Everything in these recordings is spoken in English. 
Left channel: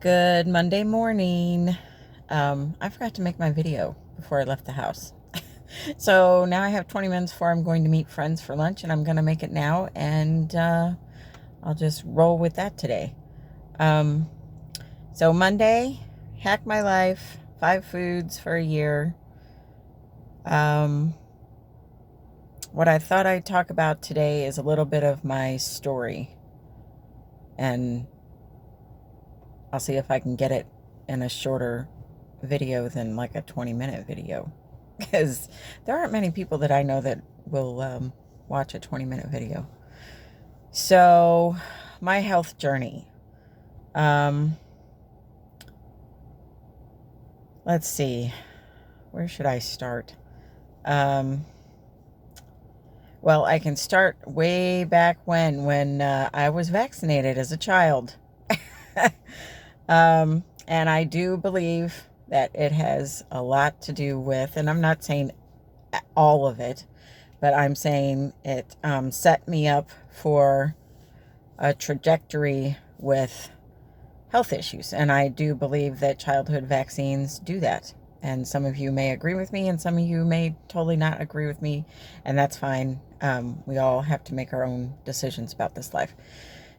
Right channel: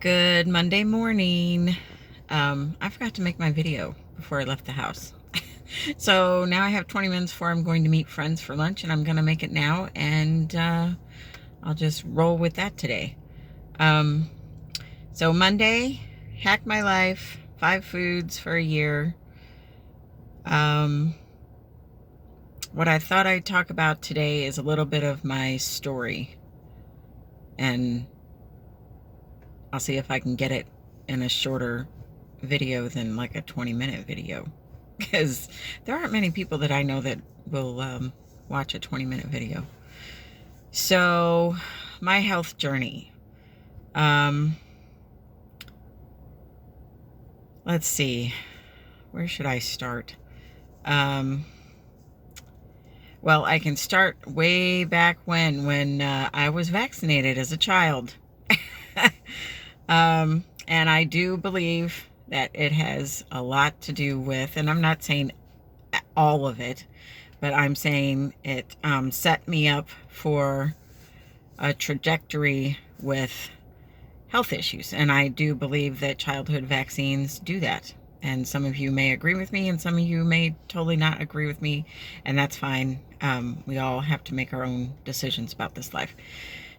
Good Monday morning. I forgot to make my video before I left the house. So now I have 20 minutes before I'm going to meet friends for lunch, and I'm going to make it now, and I'll just roll with that today. Um, so Monday, hack my life, 5 foods for a year. Um, what I thought I'd talk about today is a little bit of my story, and I'll see if I can get it in a shorter video than like a 20-minute video, because there aren't many people that I know that will watch a 20-minute video. So, my health journey. Um, let's see. Where should I start? Um, well, I can start way back when I was vaccinated as a child. And I do believe that it has a lot to do with, and I'm not saying all of it, but I'm saying it set me up for a trajectory with health issues. And I do believe that childhood vaccines do that. And some of you may agree with me, and some of you may totally not agree with me, and that's fine. We all have to make our own decisions about this life.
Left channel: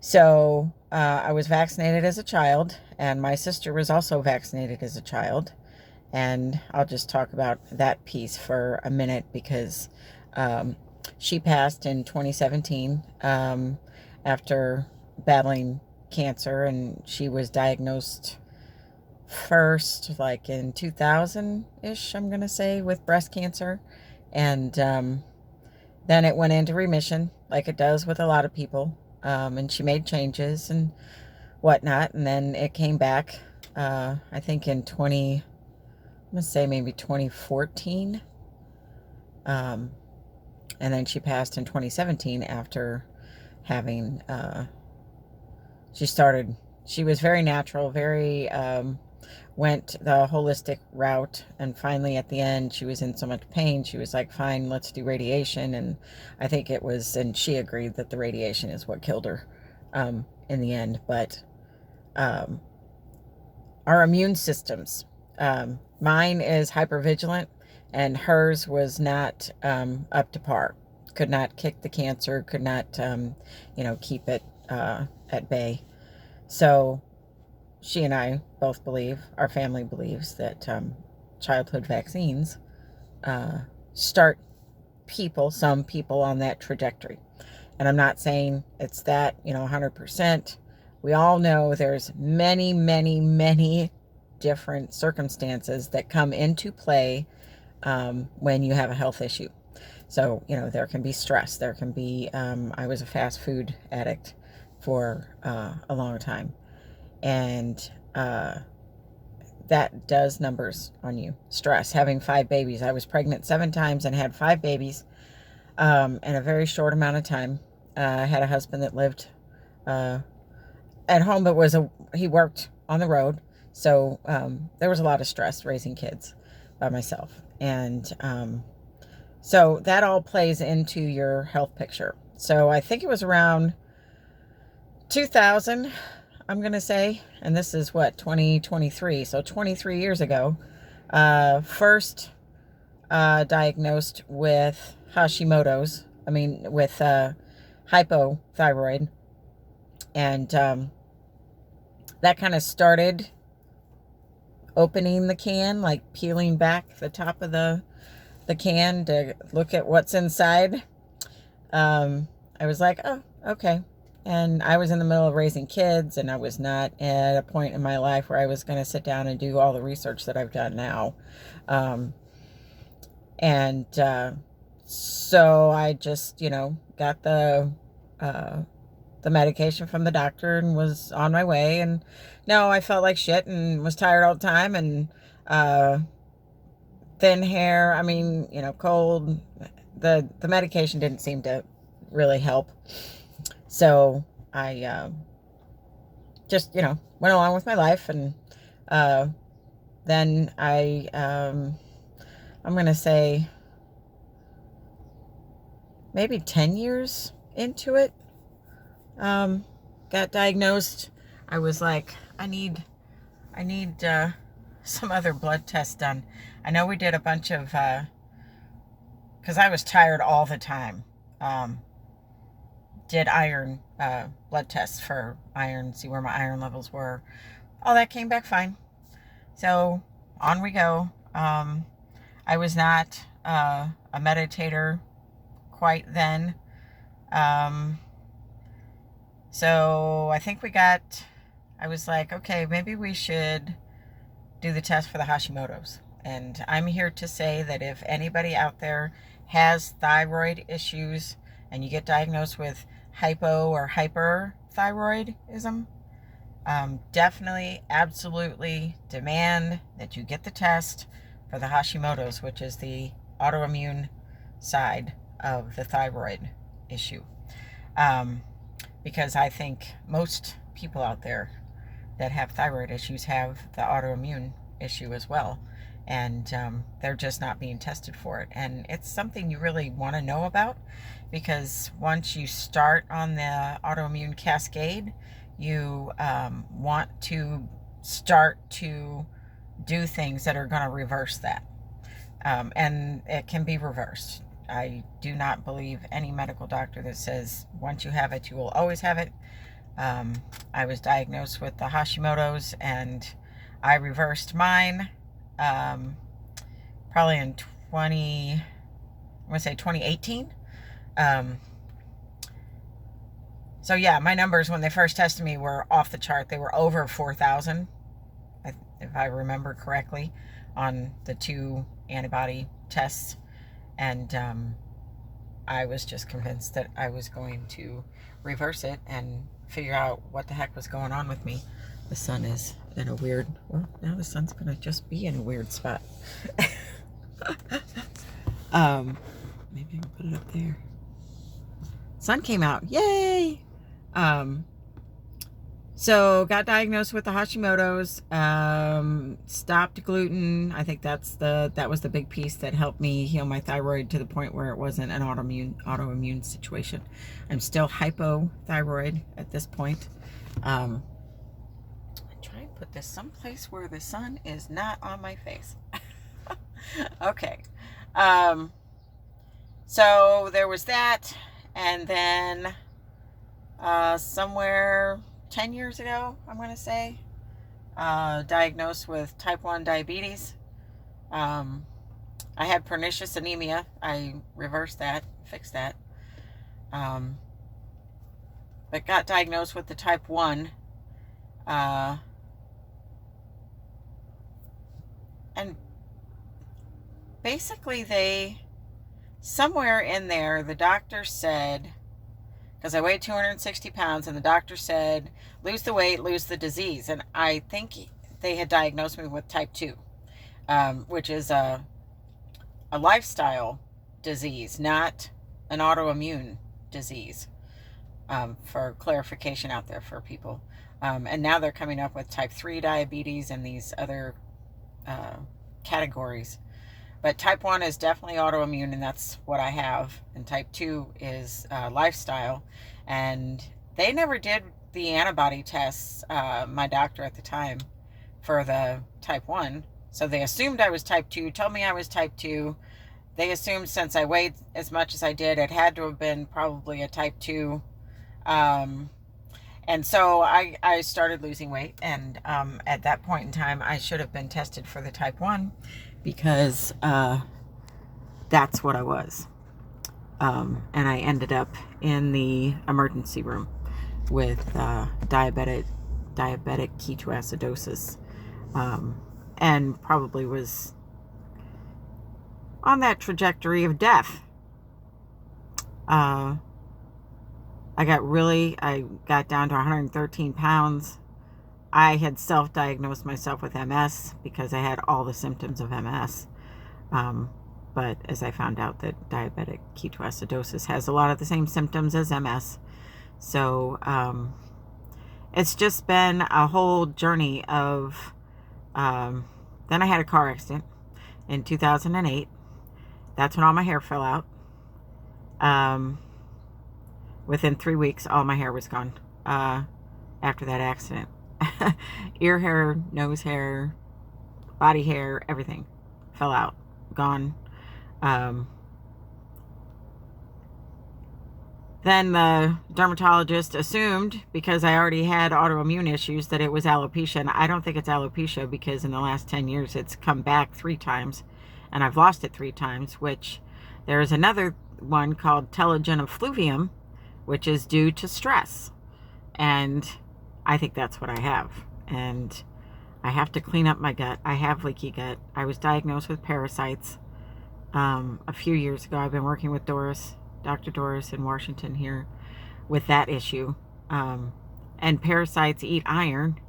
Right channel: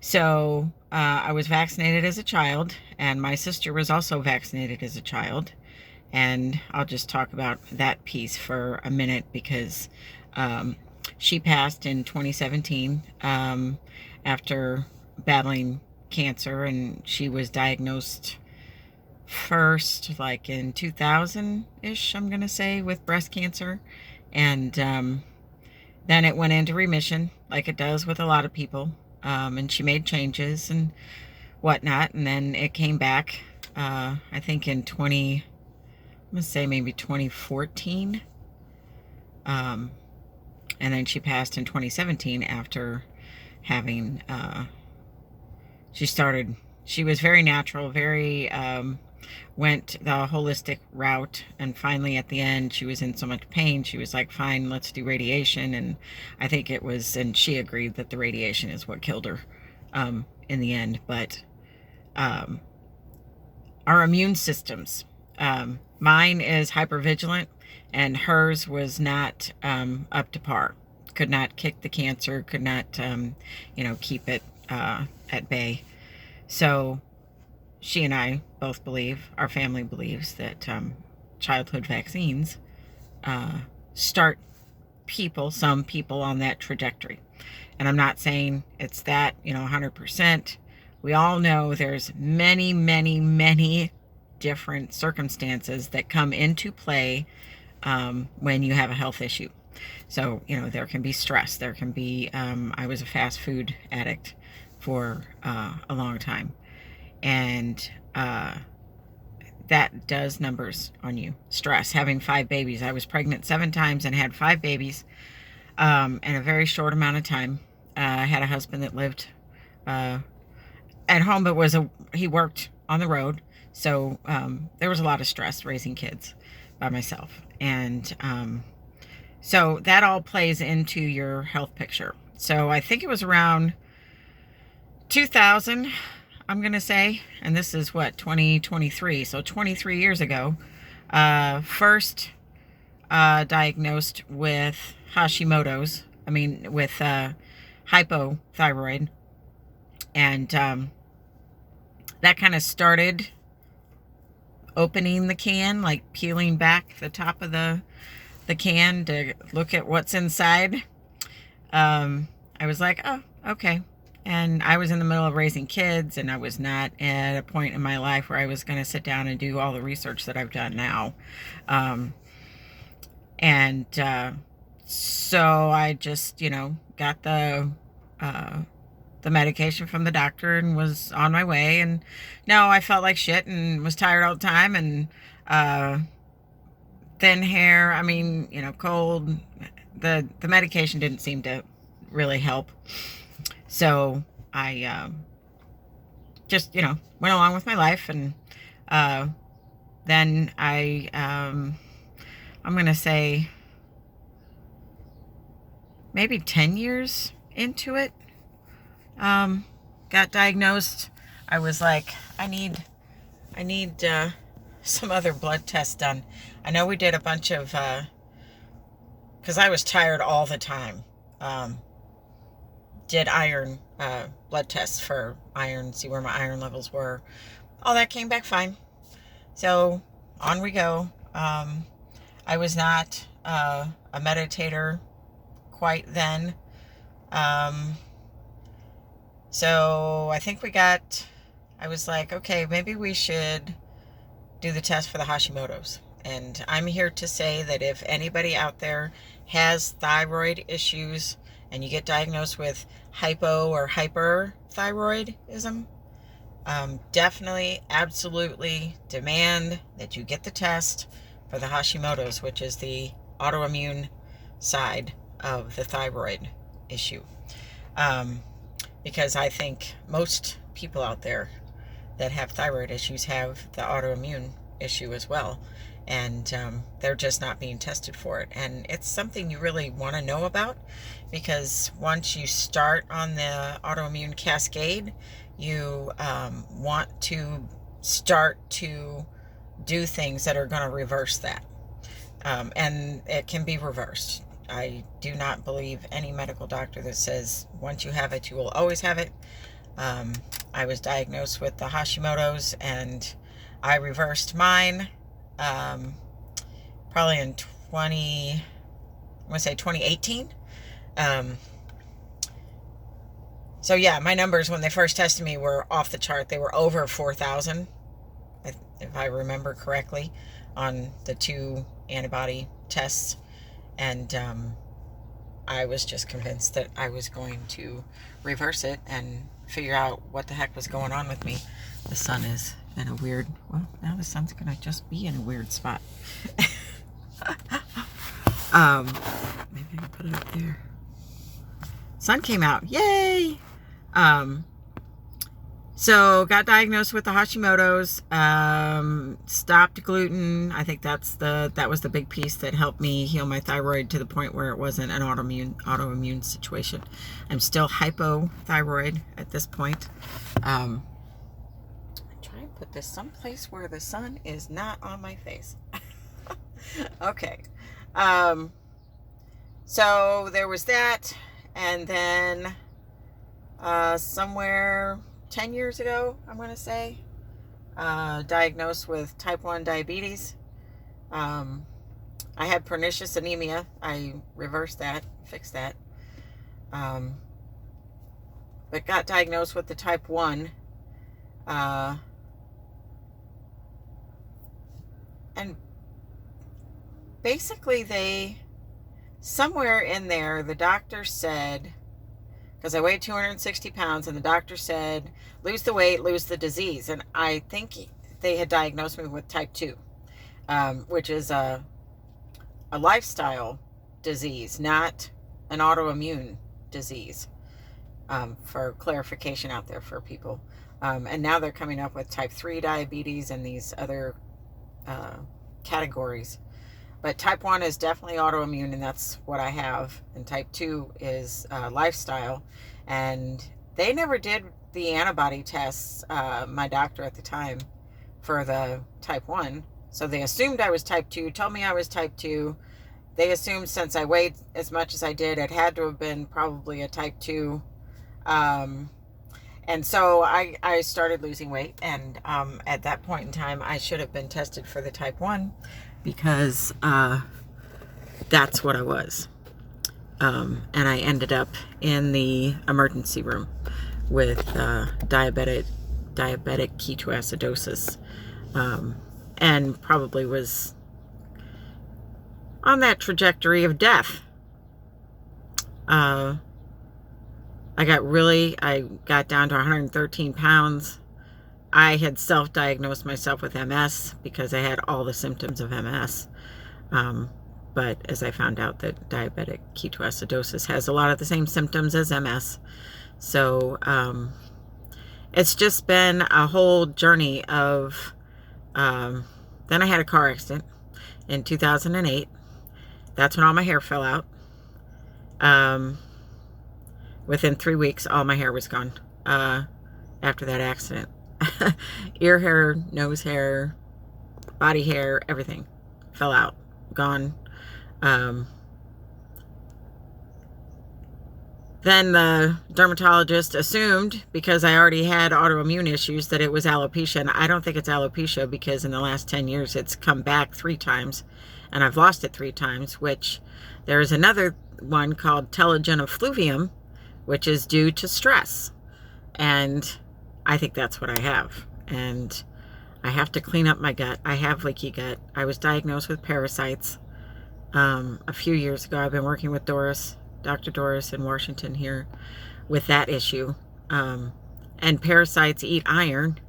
So I was vaccinated as a child, and my sister was also vaccinated as a child. And I'll just talk about that piece for a minute because she passed in 2017 after battling cancer, and she was diagnosed first like in 2000-ish, I'm going to say, with breast cancer. And then it went into remission like it does with a lot of people. And she made changes and whatnot, and then it came back, I think in I'm gonna say maybe 2014, and then she passed in 2017 after having, she was very natural, very, went the holistic route, and finally at the end she was in so much pain, she was like, fine, let's do radiation. And I think it was, and she agreed that the radiation is what killed her in the end. But our immune systems, mine is hypervigilant, and hers was not up to par, could not kick the cancer, could not keep it at bay. So she and I both believe, our family believes, that childhood vaccines start some people on that trajectory. And I'm not saying it's that, 100%. We all know there's many, many, many different circumstances that come into play when you have a health issue. So, there can be stress. There can be, I was a fast food addict for a long time. And that does numbers on you. Stress, having 5 babies. I was pregnant 7 times and had 5 babies in a very short amount of time. I had a husband that lived at home, but he worked on the road. So there was a lot of stress raising kids by myself. And so that all plays into your health picture. So I think it was around 2000, I'm going to say, and this is 2023, so 23 years ago, first diagnosed with Hashimoto's, with hypothyroid. And that kind of started opening the can, like peeling back the top of the can to look at what's inside. I was like, oh, okay. And I was in the middle of raising kids, and I was not at a point in my life where I was going to sit down and do all the research that I've done now. And so I just, got the medication from the doctor and was on my way. And no, I felt like shit and was tired all the time, and thin hair, cold. The medication didn't seem to really help. So I just, went along with my life. And then I'm going to say maybe 10 years into it, got diagnosed. I was like, I need I need some other blood tests done. I know we did a bunch of, because I was tired all the time. Did iron blood tests for iron, see where my iron levels were. All that came back fine. So on we go. I was not a meditator quite then. So I think I was like, okay, maybe we should do the test for the Hashimoto's. And I'm here to say that if anybody out there has thyroid issues and you get diagnosed with hypo or hyperthyroidism, definitely, absolutely demand that you get the test for the Hashimoto's, which is the autoimmune side of the thyroid issue. Because I think most people out there that have thyroid issues have the autoimmune issue as well. And they're just not being tested for it. And it's something you really want to know about, because once you start on the autoimmune cascade, you want to start to do things that are going to reverse that. And it can be reversed. I do not believe any medical doctor that says once you have it, you will always have it. I was diagnosed with the Hashimoto's and I reversed mine probably in 2018. So yeah, my numbers when they first tested me were off the chart. They were over 4,000, if I remember correctly, on the 2 antibody tests. And I was just convinced that I was going to reverse it and figure out what the heck was going on with me. The sun is in a weird, well, now the sun's going to just be in a weird spot. Maybe I can put it up there. Sun came out. Yay! So got diagnosed with the Hashimoto's, stopped gluten. I think that was the big piece that helped me heal my thyroid to the point where it wasn't an autoimmune situation. I'm still hypothyroid at this point. I'm trying to put this someplace where the sun is not on my face. Okay. So there was that, and then somewhere 10 years ago, I'm going to say, diagnosed with type 1 diabetes. I had pernicious anemia. I reversed that, fixed that. But got diagnosed with the type 1. And basically somewhere in there, the doctor said, because I weighed 260 pounds, and the doctor said, lose the weight, lose the disease. And I think they had diagnosed me with type 2, which is a lifestyle disease, not an autoimmune disease, for clarification out there for people. And now they're coming up with type 3 diabetes and these other categories. But type 1 is definitely autoimmune, and that's what I have. And type 2 is lifestyle. And they never did the antibody tests, my doctor at the time, for the type 1. So they assumed I was type 2, told me I was type 2. They assumed since I weighed as much as I did, it had to have been probably a type 2. And so I started losing weight. And at that point in time, I should have been tested for the type 1. Because that's what I was. And I ended up in the emergency room with diabetic ketoacidosis, and probably was on that trajectory of death. I got down to 113 pounds. I had self-diagnosed myself with MS because I had all the symptoms of MS. But as I found out that diabetic ketoacidosis has a lot of the same symptoms as MS. So it's just been a whole journey of, then I had a car accident in 2008. That's when all my hair fell out. Within 3 weeks, all my hair was gone after that accident. Ear hair, nose hair, body hair, everything fell out, gone. Um, then the dermatologist assumed, because I already had autoimmune issues, that it was alopecia. And I don't think it's alopecia, because in the last 10 years it's come back 3 times and I've lost it 3 times, which there is another one called telogen effluvium, which is due to stress. And I think that's what I have. And I have to clean up my gut. I have leaky gut. I was diagnosed with parasites a few years ago. I've been working with Dr. Doris in Washington here with that issue. And parasites eat iron.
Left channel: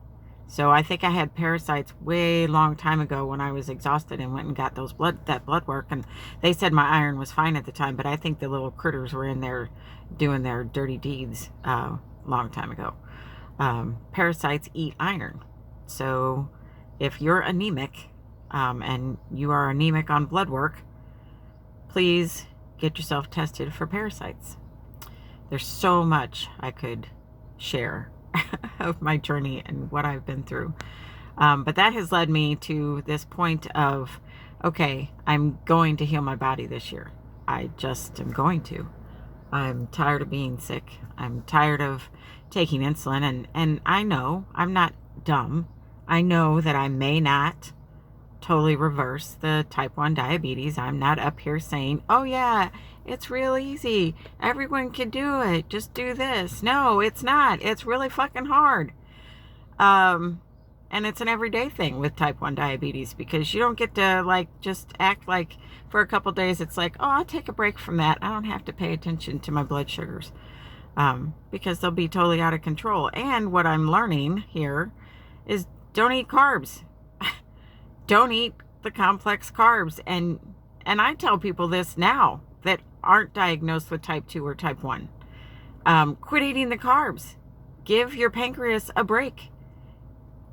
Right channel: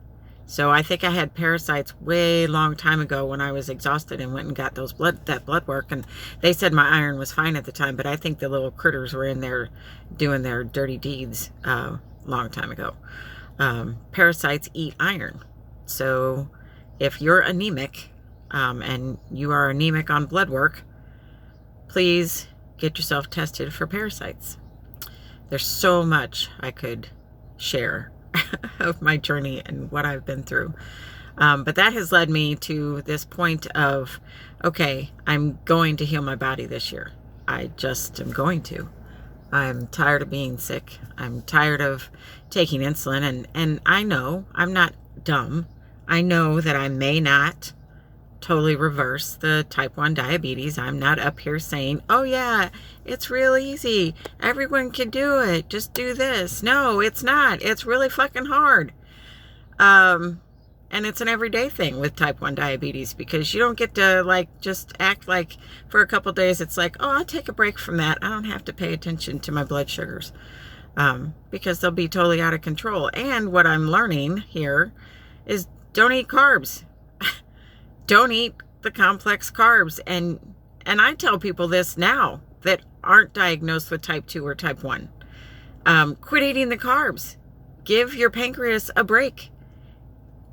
So I think I had parasites way long time ago when I was exhausted and went and got that blood work. And they said my iron was fine at the time, but I think the little critters were in there doing their dirty deeds long time ago. Parasites eat iron. So if you're anemic and you are anemic on blood work, please get yourself tested for parasites. There's so much I could share of my journey and what I've been through. But that has led me to this point of, okay, I'm going to heal my body this year. I just am going to. I'm tired of being sick. I'm tired of taking insulin. And I know I'm not dumb. I know that I may not totally reverse the type 1 diabetes. I'm not up here saying, oh yeah, it's real easy. Everyone can do it. Just do this. No, it's not. It's really fucking hard. And it's an everyday thing with type 1 diabetes, because you don't get to like just act like for a couple days it's like, oh, I'll take a break from that. I don't have to pay attention to my blood sugars because they'll be totally out of control. And what I'm learning here is don't eat carbs. Don't eat the complex carbs. And I tell people this now that aren't diagnosed with type 2 or type 1. Quit eating the carbs. Give your pancreas a break.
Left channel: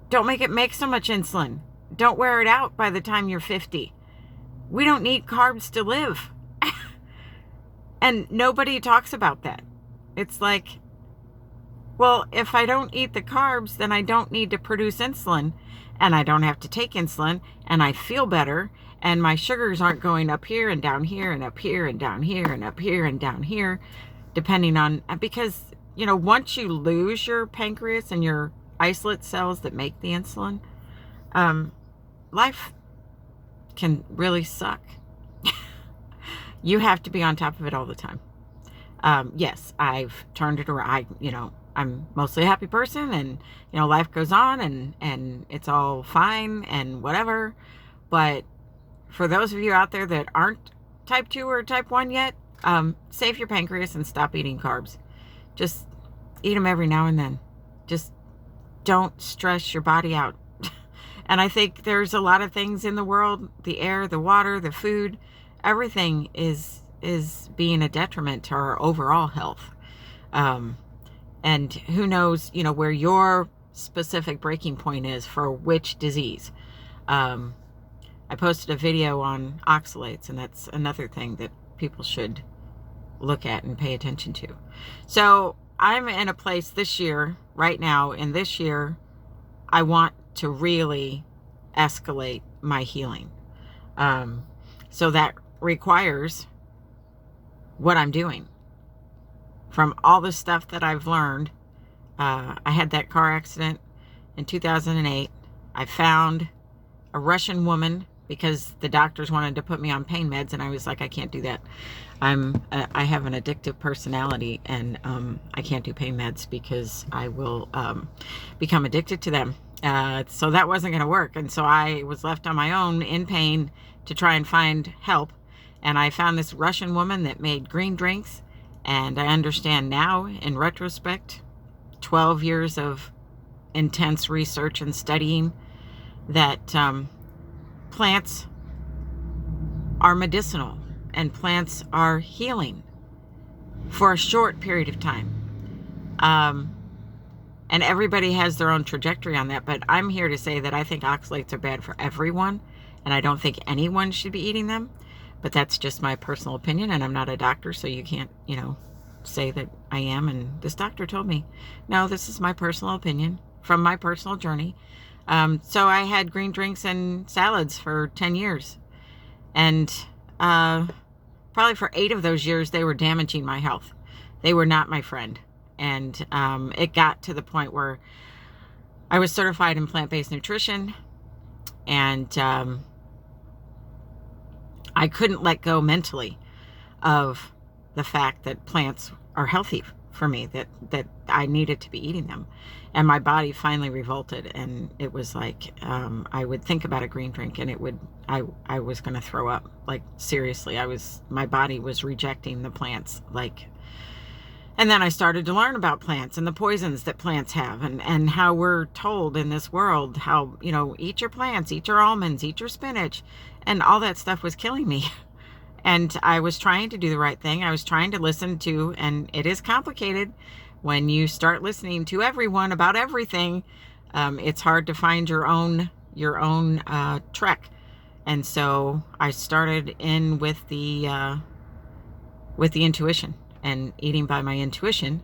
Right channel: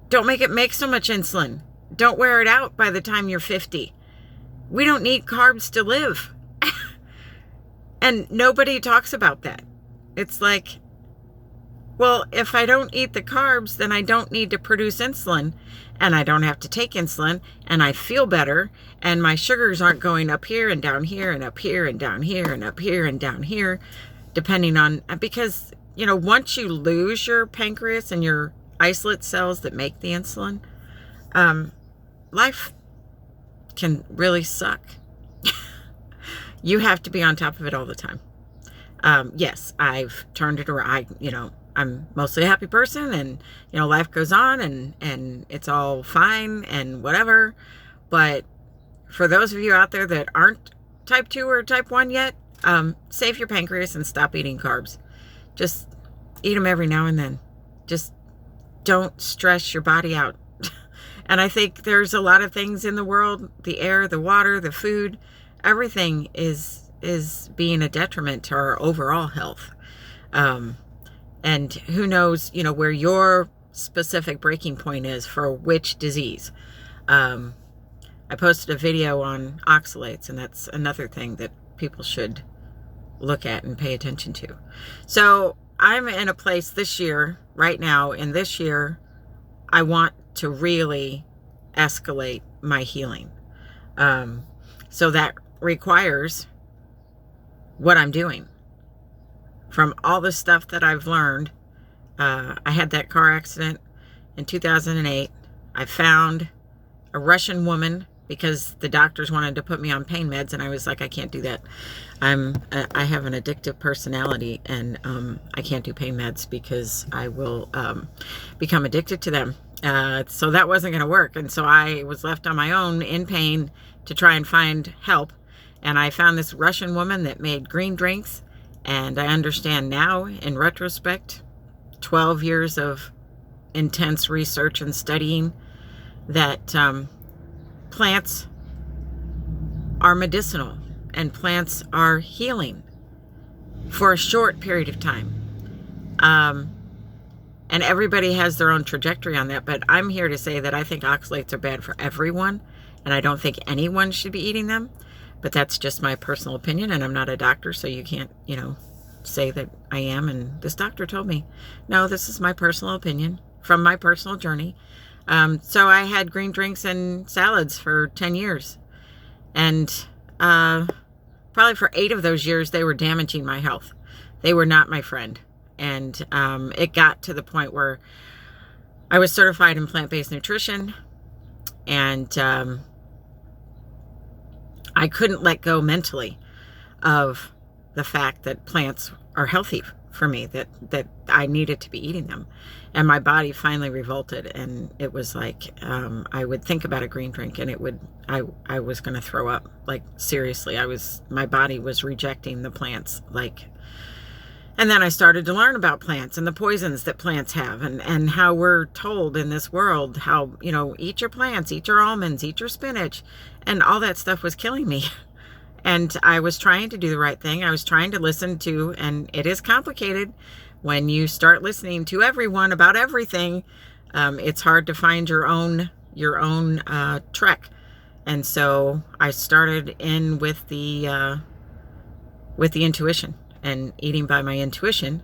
Don't make it make so much insulin. Don't wear it out by the time you're 50. We don't need carbs to live. And nobody talks about that. It's like, well, if I don't eat the carbs, then I don't need to produce insulin, and I don't have to take insulin, and I feel better, and my sugars aren't going up here and down here and up here and down here and up here and down here, depending on, because, you know, once you lose your pancreas and your isolate cells that make the insulin, life can really suck. You have to be on top of it all the time. Yes, I've turned it around. I'm mostly a happy person, and, you know, life goes on and it's all fine and whatever. But for those of you out there that aren't type 2 or type 1 yet, save your pancreas and stop eating carbs. Just eat them every now and then. Just don't stress your body out. And I think there's a lot of things in the world, the air, the water, the food, everything is being a detriment to our overall health. And who knows, you know, where your specific breaking point is for which disease. I posted a video on oxalates, and that's another thing that people should look at and pay attention to. So I'm in a place this year, right now, in this year, I want to really escalate my healing. So that requires what I'm doing. From all the stuff that I've learned, I had that car accident in 2008. I found a Russian woman because the doctors wanted to put me on pain meds, and I was like, I can't do that. I have an addictive personality, and I can't do pain meds because I will become addicted to them. So that wasn't going to work, and so I was left on my own in pain to try and find help. And I found this Russian woman that made green drinks, and I understand now, in retrospect, 12 years of intense research and studying, that plants are medicinal and plants are healing for a short period of time. And everybody has their own trajectory on that, but I'm here to say that I think oxalates are bad for everyone, and I don't think anyone should be eating them. But that's just my personal opinion, and I'm not a doctor, so you can't, say that I am, and this doctor told me. No, this is my personal opinion from my personal journey. So I had green drinks and salads for 10 years. And probably for 8 of those years, they were damaging my health. They were not my friend. And it got to the point where I was certified in plant-based nutrition, and I couldn't let go mentally of the fact that plants are healthy for me, that I needed to be eating them. And my body finally revolted, and it was like I would think about a green drink and I was going to throw up. Like, seriously, my body was rejecting the plants. Like, and then I started to learn about plants and the poisons that plants have, and how we're told in this world how, eat your plants, eat your almonds, eat your spinach, and all that stuff was killing me. And I was trying to do the right thing. I was trying to listen to, and it is complicated when you start listening to everyone about everything. It's hard to find your own trek. And so I started in with the intuition and eating by my intuition.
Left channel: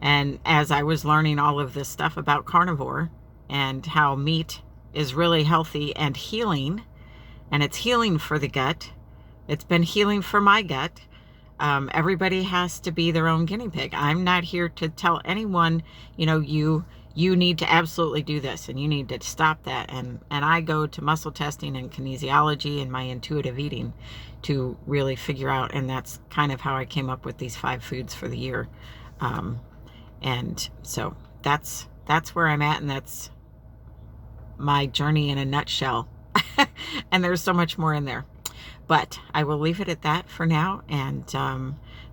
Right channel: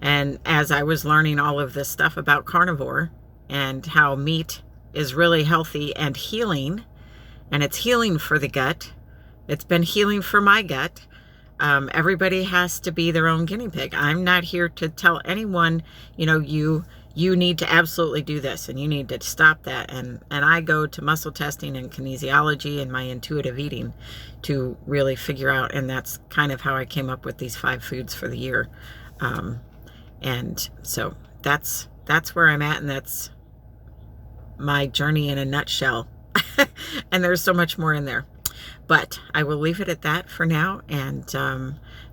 And as I was learning all of this stuff about carnivore and how meat is really healthy and healing, and it's healing for the gut, it's been healing for my gut. Everybody has to be their own guinea pig. I'm not here to tell anyone, you need to absolutely do this and you need to stop that. And I go to muscle testing and kinesiology and my intuitive eating to really figure out. And that's kind of how I came up with these 5 foods for the year. And so that's where I'm at. And that's my journey in a nutshell. And there's so much more in there. But I will leave it at that for now. And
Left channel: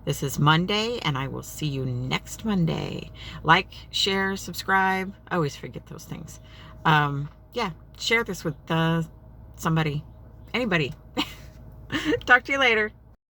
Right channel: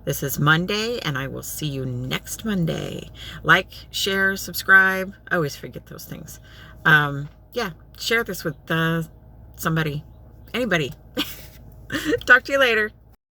this is Monday, and I will see you next Monday. Like, share, subscribe. I always forget those things. Yeah, share this with somebody, anybody. Talk to you later.